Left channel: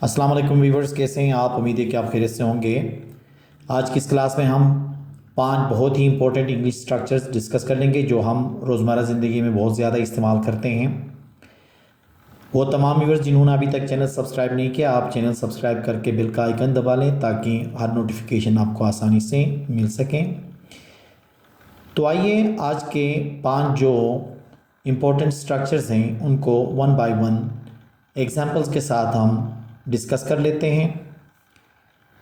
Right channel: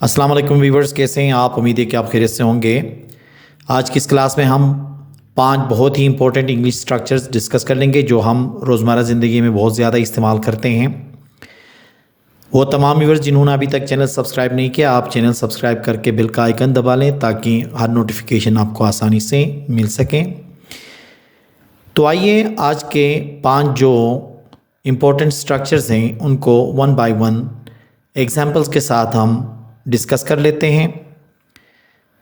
अस्सलाम वालेकुम वीवर्स, कैसे हैं आप? उम्मीद है कि आप खैरियत से होंगे। आज की इस क्लास में हम 5 बहुत ही इंपॉर्टेंट इंग्लिश स्ट्रक्चर्स डिस्कस कर लेंगे जो हम रोज़मर्रा ज़िंदगी में बहुत ज़्यादा इस्तेमाल करते हैं। वो तमाम व्यूवर्स जिन्होंने अभी तक चैनल सब्सक्राइब नहीं किया, आप चैनल सब्सक्राइब करके बेल का आइकन दबा लें ताकि हर नोटिफिकेशन आपको आसानी से मिल सकें। तो आइए आज के 5 जो इम्पोर्टेंट स्ट्रक्चर्स हैं उनको वन बाय वन एग्जाम्पल्स के साथ हम डिस्कस कर लेते हैं।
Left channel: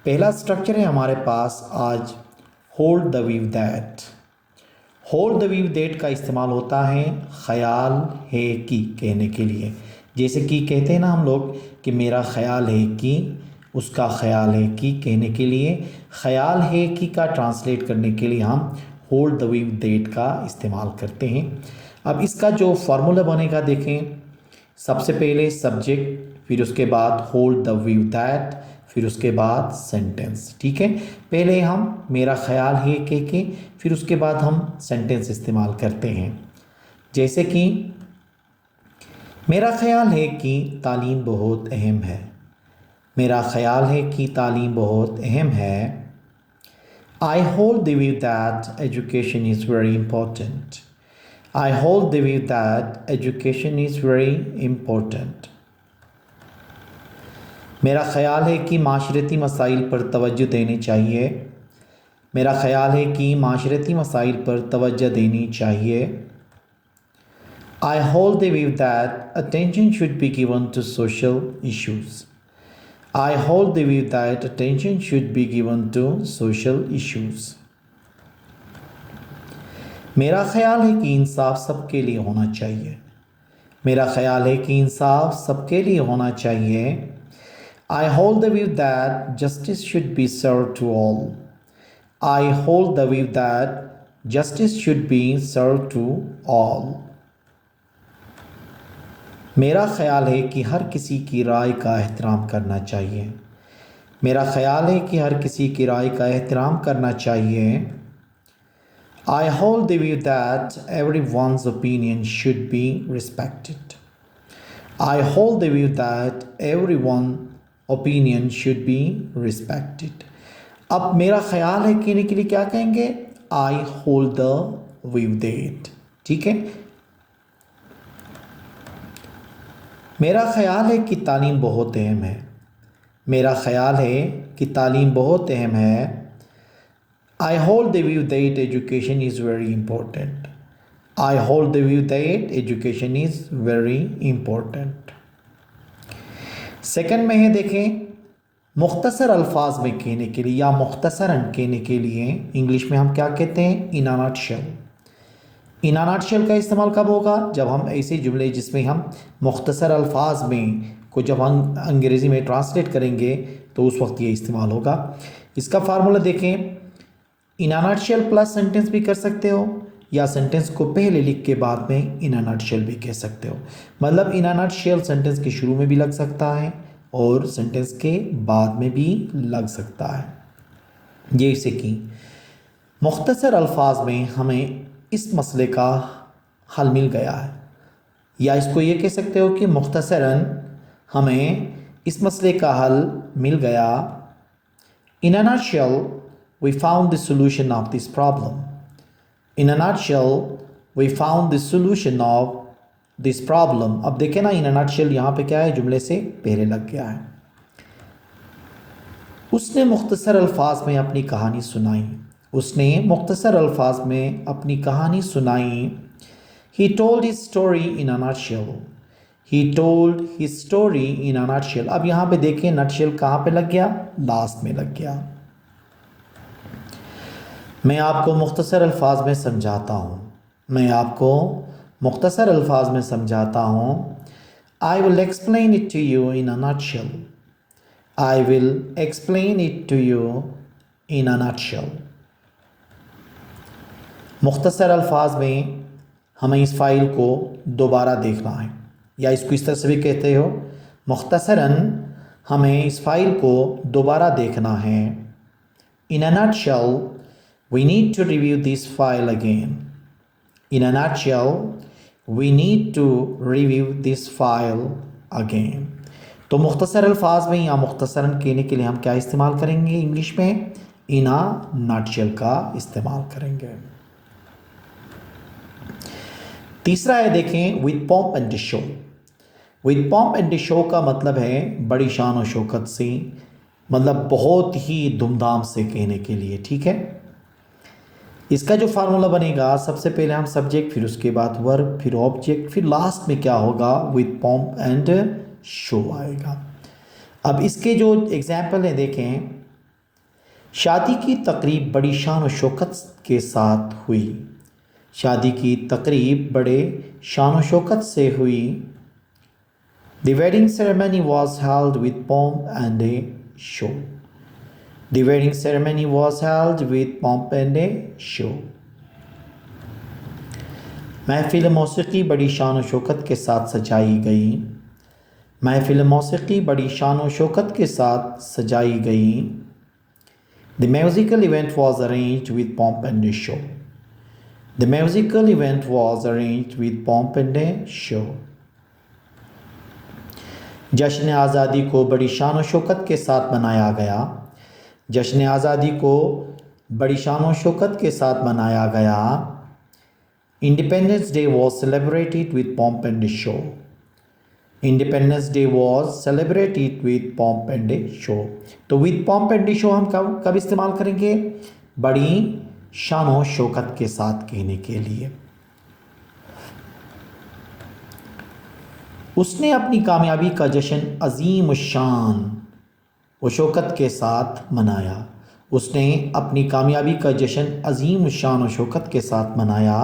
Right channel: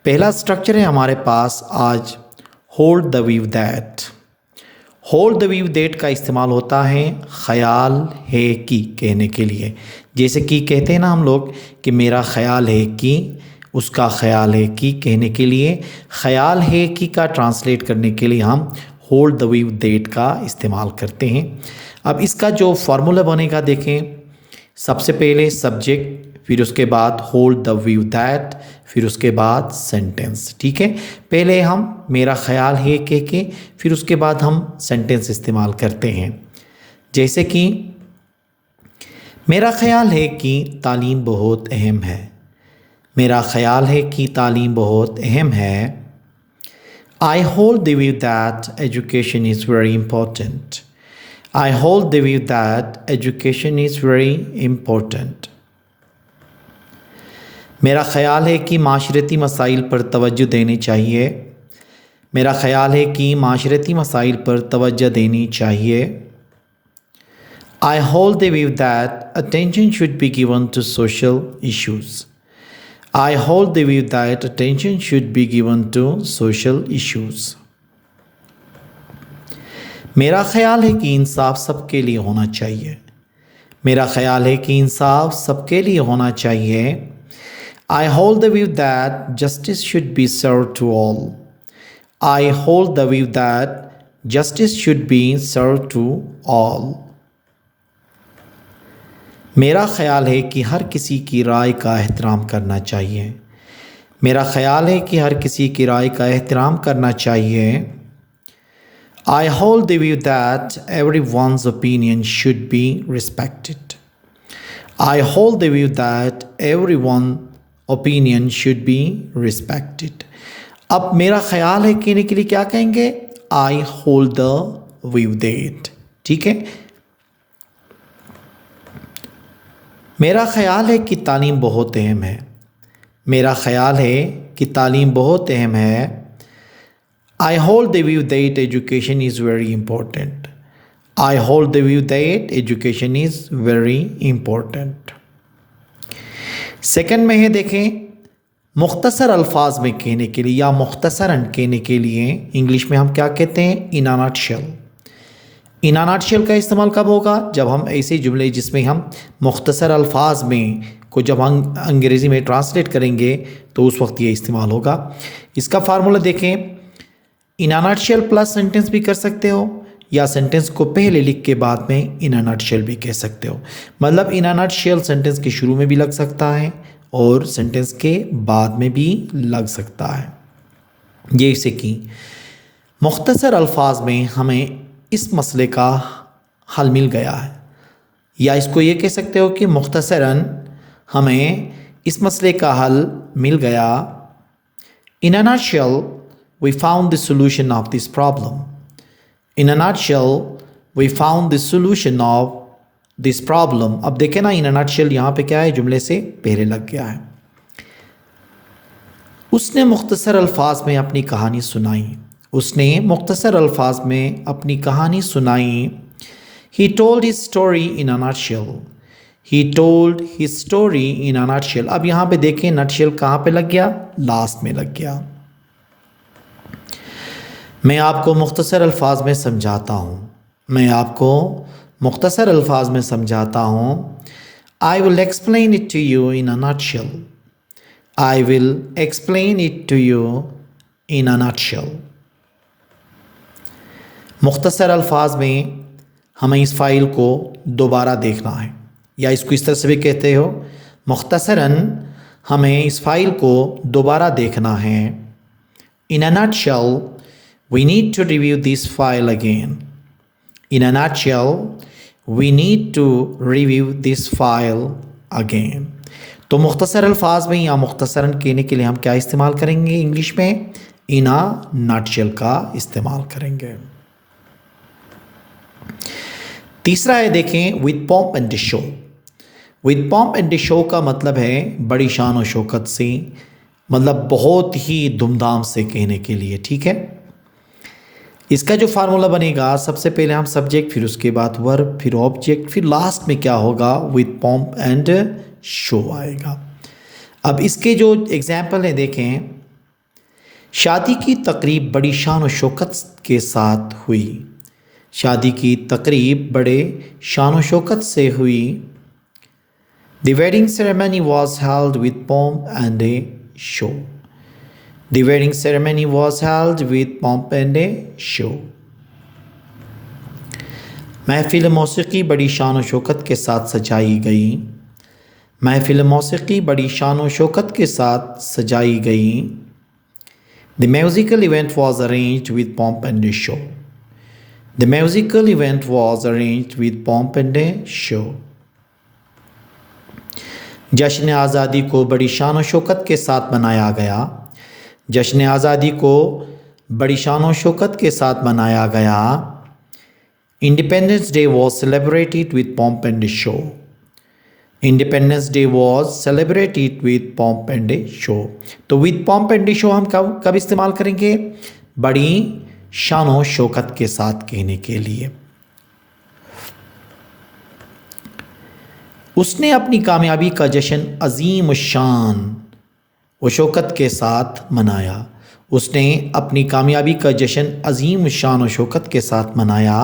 पहला स्ट्रक्चर है हमारे पास आज hold the view that. Hold the view that का इस्तेमाल होता है ख्याल है कि कहने के लिए। जैसे कि कहते हैं ना हम लोग कि मेरा ख्याल है कि, उसका ख्याल है कि कहने के लिए ख्याल है कि का ट्रांसलेट करने के लिए हम होल्ड द व्यू दैट का इस्तेमाल करते हैं। अब इसका जो फार्मूला बनेगा देखें, सबसे पहले सब्जेक्ट, फिर उसके बाद होल्ड द व्यू दैट, फिर उसके बाद सेंटेंस। ठीक है, पहले हम मेरा ख्याल है कह के फिर उसके बाद हम सेंटेंस इस्तेमाल करते हैं। जैसे कि मेरा ख्याल है कि तालीम बहुत अहम है। मेरा ख्याल है कि तालीम बहुत अहम है। I hold the view that education is very important. I hold the view that education is very important. मेरा ख़याल है कि माशरती मसाइल पर तवज्जो देनी चाहिए। मेरा ख़याल है कि माशरती मसाइल पर तवज्जो देनी चाहिए। I hold the view that attention should be given to social issues. I hold the view that attention should be given to social issues. मेरा ख़याल है कि इंसाफ सबके लिए होना चाहिए। मेरा ख़याल है कि इंसाफ सबके लिए होना चाहिए। I hold the view that justice should be served to all. I hold the view that justice should be served to all. मेरा ख़याल है कि हर किसी की राय का एहतराम करना चाहिए। मेरा ख़याल है कि हर किसी की राय का एहतराम करना चाहिए। I hold the view that everyone's opinion should be respected. I hold the view that everyone's opinion should be respected. अब मेरा ख्याल है कहने के लिए क्या कहेंगे? I hold the view that. ठीक है, मेरा ख्याल है कि तालीम बहुत अहम है। मेरा ख्याल है कि तालीम बहुत अहम है। I hold the view that education is very important. I hold the view that education is very important. Second में है देखें, मुख्तसर अल्फाज में कहने के लिए या मुख्तसरन कहने के लिए इंग्लिश में हम क्या कहते हैं? इन a nutshell. In a nutshell का इस्तेमाल कब होगा? जब हम ऐसे जुमले जिसमें हम मुख्तसर अल्फाज में को जब हम अंग्रेज़ी में ट्रांसलेट करेंगे तो उस वक्त ये इस्तेमाल होगा। इसका फार्मूला देखें, इन अ नटशेल प्लस सेंटेंस भी कर सकते हो या सेंटेंस को पहले लिख के बाद में इन अ नटशेल भी कह सकते हो। मतलब इन अ नटशेल सेंटेंस के शुरू में भी लग सकता है और सेंटेंस के बाद में भी लग सकता है। जैसे कि मुख्तसर अल्फाज में हमें इस मसले का हल मिल गया है, या इसको ये कह सकते हो कि मुख्तसरन हमें इस मसले का हल मिल गया। In a nutshell we found the solution of this problem. In a nutshell, we found the solution of this problem. अब देखें ना, in a nutshell यहाँ पे क्या है? जुमले से पहले लग गया है। उसने मुख्तसर अल्फाज में अपनी कहानी सुनाई। उसने मुख्तसर अल्फाज में अपनी कहानी सुनाई। He told his story in a nutshell. He told his story in a nutshell. अब यहाँ पे देखें nutshell कहाँ पे लग गया? लास्ट में लग गया। मैं आपको मुख्तसर अल्फाज में समझाता हूँ। मैं आपको मुख्तसर अल्फाज में समझाता हूँ। I will explain it to you in a nutshell. I will explain it to you in a nutshell. मुख्तसर अल्फाज में हमें इस फाइल को दोबारा देखना है, या इसको इस तरह से भी कहते हो, मुख्तसरन हमें इस फाइल को दोबारा देखना है। In a nutshell, we need to review this file again. In a nutshell, we need to review this file again. तो मुख्तसर अल्फाज में या मुख्तसरन कहने के लिए हम क्या इस्तेमाल करेंगे इंग्लिश में? इन अ नटशेल का इस्तेमाल करेंगे। तीसरा है देखें with pomp and show. With pomp and show का मतलब है बड़ी शान और शौकत से, मतलब बहुत ही धूमधाम से कहने के लिए, ठीक है। इसका जो फार्मूला बनेगा, सबसे पहले हम सब्जेक्ट, फिर उसके बाद वर्ब, फिर ऑब्जेक्ट, फिर लास्ट में क्या होगा? विद पॉम्प एंड शो आएगा। अब इसके जो एग्जाम्पल है देखें, शादी की तकरीब बड़ी शान और शौकत के साथ हुई। शादी की तकरीब बड़े शान और शौकत से हुई। The wedding ceremony was held with pomp and a show. The wedding ceremony was held with pomp and a show. महफिल मौसीकी बड़ी शान और शौकत के साथ सजाई गई। महफिल मौसीकी बड़ी शान और शौकत के साथ सजाई गई। The musical event was arranged with pomp and a show. The musical event was arranged with pomp and a show. जश्न आज़ादी को बड़ी शान और शौकत के साथ मनाया गया। जश्न आज़ादी को बड़ी शान और शौकत के साथ मनाया गया। Independence Day was celebrated with pomp and a show. Independence Day was celebrated with pomp and a show. तो with pomp and a show हम कब इस्तेमाल करेंगे? बड़ी शान और शौकत के साथ कहने के लिए। उसने अपनी कामयाबी का जश्न अजीम शान व शौकत के साथ मनाया। उसने अपनी कामयाबी का जश्न अजीम शान व शौकत के साथ मनाया।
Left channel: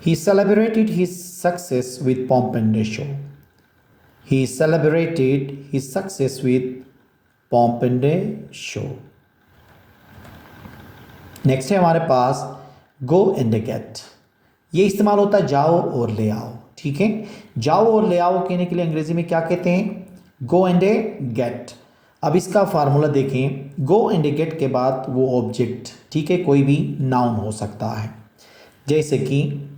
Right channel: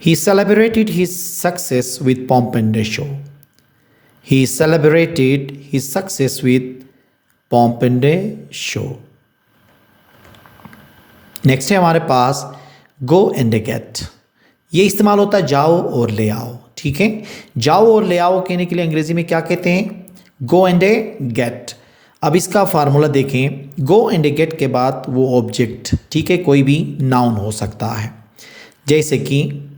He celebrated his success with pomp and a show. He celebrated his success with pomp and a show. Next है हमारे पास go and get. ये इस्तेमाल होता है जाओ और ले आओ, ठीक है। जाओ और ले आओ कहने के लिए अंग्रेजी में क्या कहते हैं? Go and get. अब इसका फार्मूला देखें, गो एंड गेट के बाद वो ऑब्जेक्ट, ठीक है, कोई भी नाउन हो सकता है। जैसे कि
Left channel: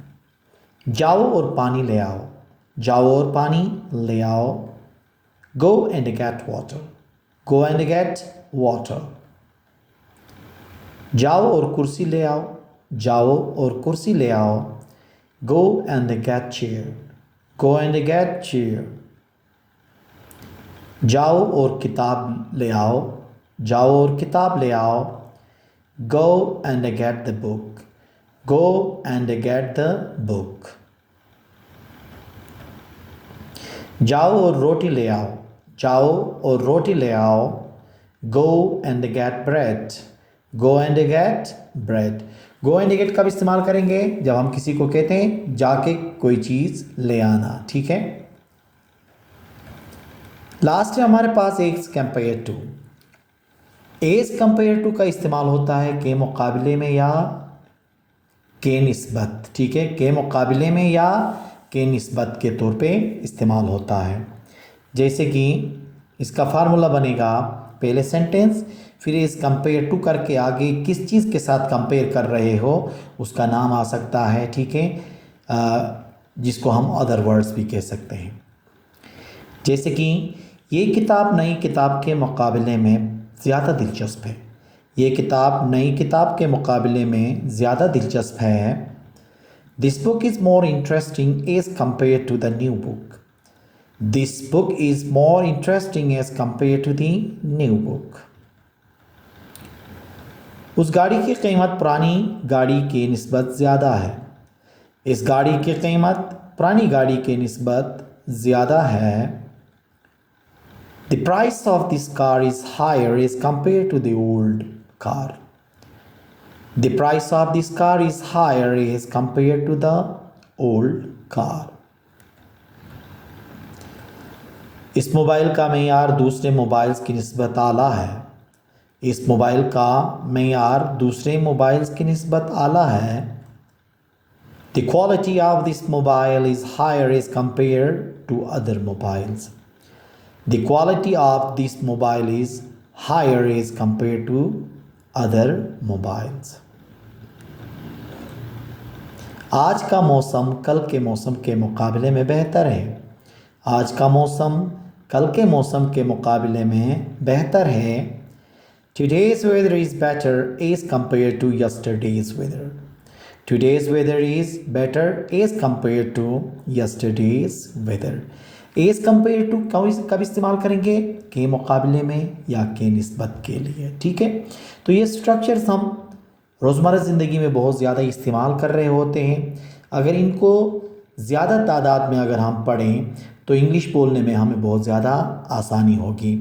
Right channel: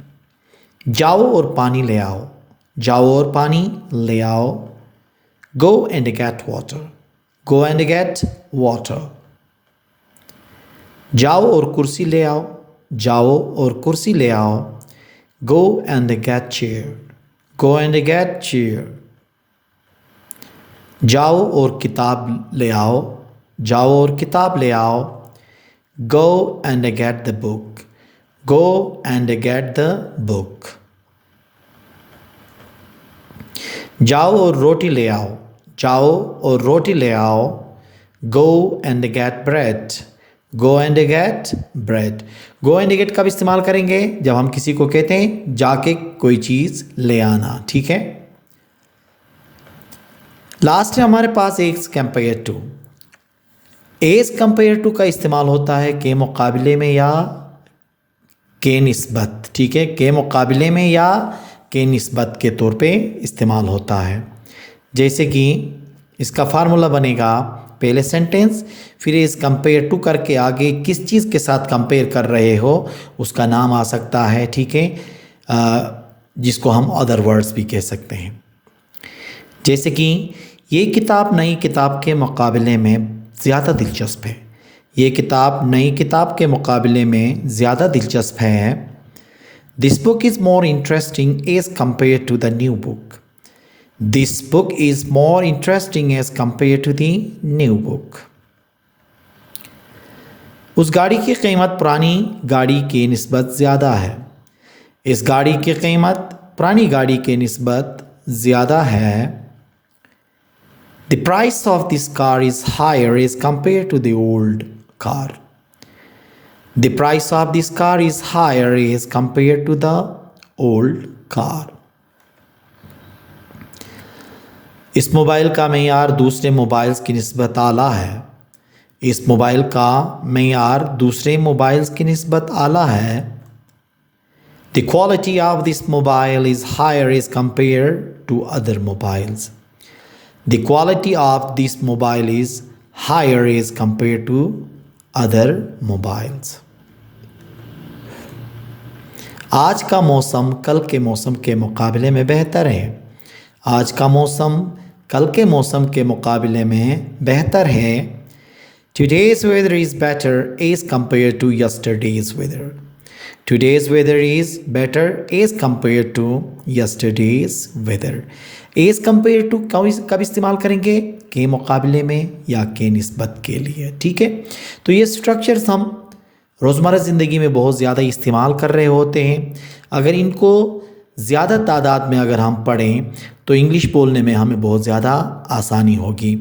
जाओ और पानी ले आओ। जाओ और पानी ले आओ। गो and get water. Go and get water. जाओ और कुर्सी ले आओ। जाओ और कुर्सी ले आओ। Go and get chair. Go and get chair. जाओ और किताब ले आओ। जाओ और किताब ले आओ। Go and get the book. Go and get the book. जाओ और रोटी ले आओ। जाओ और रोटी ले आओ। Go and get bread. Go and get bread. Go and get कब इस्तेमाल करेंगे? जब हम किसी को कहते हैं जाके कोई चीज़ ले आना, ठीक है। लास्ट है हमारे पास as compared to. As compared to का इस्तेमाल होता है के मुकाबले में या के निस्बत, ठीक है। के मुकाबले में या के निस्बत के तौर पे इस्तेमाल होता है। जैसे कि इसका फार्मूला बनेगा, पहले सेंटेंस, फिर इस कंपेयर टू करके आगे किस चीज़ के साथ कंपेयर कर रहे हो उसका नाम आ सकता है, ठीक है, जिसको हम अदर वर्ड्स भी कह सकते हैं। जैसे कि ये किताब नई किताब के मुकाबले में ज़्यादा दिलचस्प है। ये किताब नई किताब के मुकाबले में ज़्यादा दिलचस्प है। This book is more interesting as compare to the new book. This book is more interesting as compared to the new book. उस गाड़ी की कीमत पुरानी गाड़ी के निस्बत ज़्यादा है। इस गाड़ी की कीमत पुरानी गाड़ी के निस्बत ज़्यादा है। The price of this car is higher as compared to the old car. The price of this car is higher as compared to the old car. इस मोबाइल का मेयार दूसरे मोबाइल्स की निस्बत आला है। इस मोबाइल का मेयार दूसरे मोबाइल्स की निस्बत आला है। The quality of this mobile is higher as compared to other mobiles. The quality of this mobile is higher as compared to other mobiles. आज का मौसम कल के मौसम के मुकाबले में बेहतर है। आज का मौसम कल के मौसम के मुकाबले में बेहतर है। Today's weather is better as compared to yesterday's weather. Today's weather is better as compared to yesterday's weather. As compared to कब इस्तेमाल करेंगे? के मुकाबले में या के निस्बत के लिए। ठीक है, तो ये स्ट्रक्चर्स हम रोज़मर्रा ज़िंदगी में बहुत ज़्यादा इस्तेमाल कर रहे होते हैं। अगर इनको ज़्यादा तादाद में अगर हम पढ़ें तो इंग्लिश बोलने में हमें बहुत ज़्यादा आसानी होगी।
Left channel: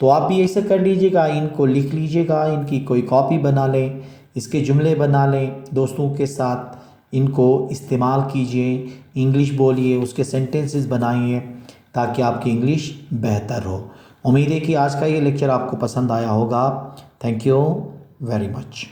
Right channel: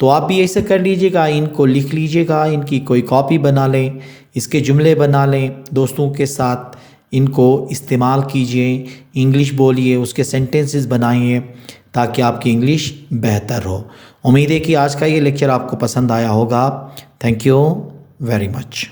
तो आप भी ऐसे कर लीजिएगा, इनको लिख लीजिएगा, इनकी कोई कॉपी बना लें, इसके जुमले बना लें, दोस्तों के साथ इनको इस्तेमाल कीजिए, इंग्लिश बोलिए, उसके सेंटेंसेस बनाइए ताकि आपकी इंग्लिश बेहतर हो। उम्मीद है कि आज का ये लेक्चर आपको पसंद आया होगा। Thank you very much.